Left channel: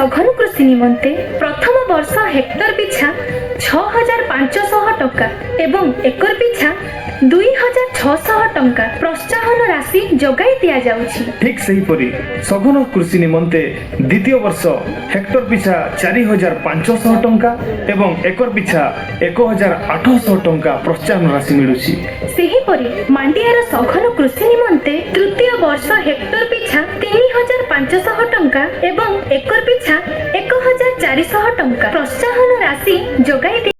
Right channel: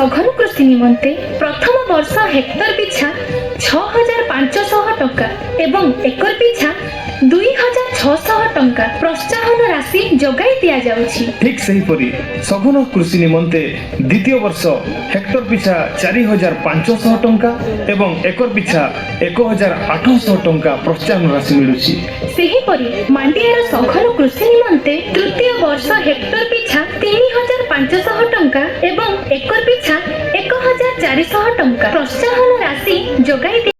सघन कृषि निमंते प्रथम वर्ष हेक्टर पिछा 6500 टंका एवं एकर पिछा 2600 टंका प्रोत्साहन राशि जगाई दिया जाउछि। ठीक सही परी सघन कृषि निमंते द्वितीय वर्ष हेक्टर पिछा 4500 टंका एवं एकर पिछा 1800 टंका प्रोत्साहन राशि मिलुछि। सेही परी मांडियार सघन कृषि निमंते तृतीय वर्ष हेक्टर पिछा 3500 टंका एवं एकर पिछा 1400 टंका प्रोत्साहन राशि जगाई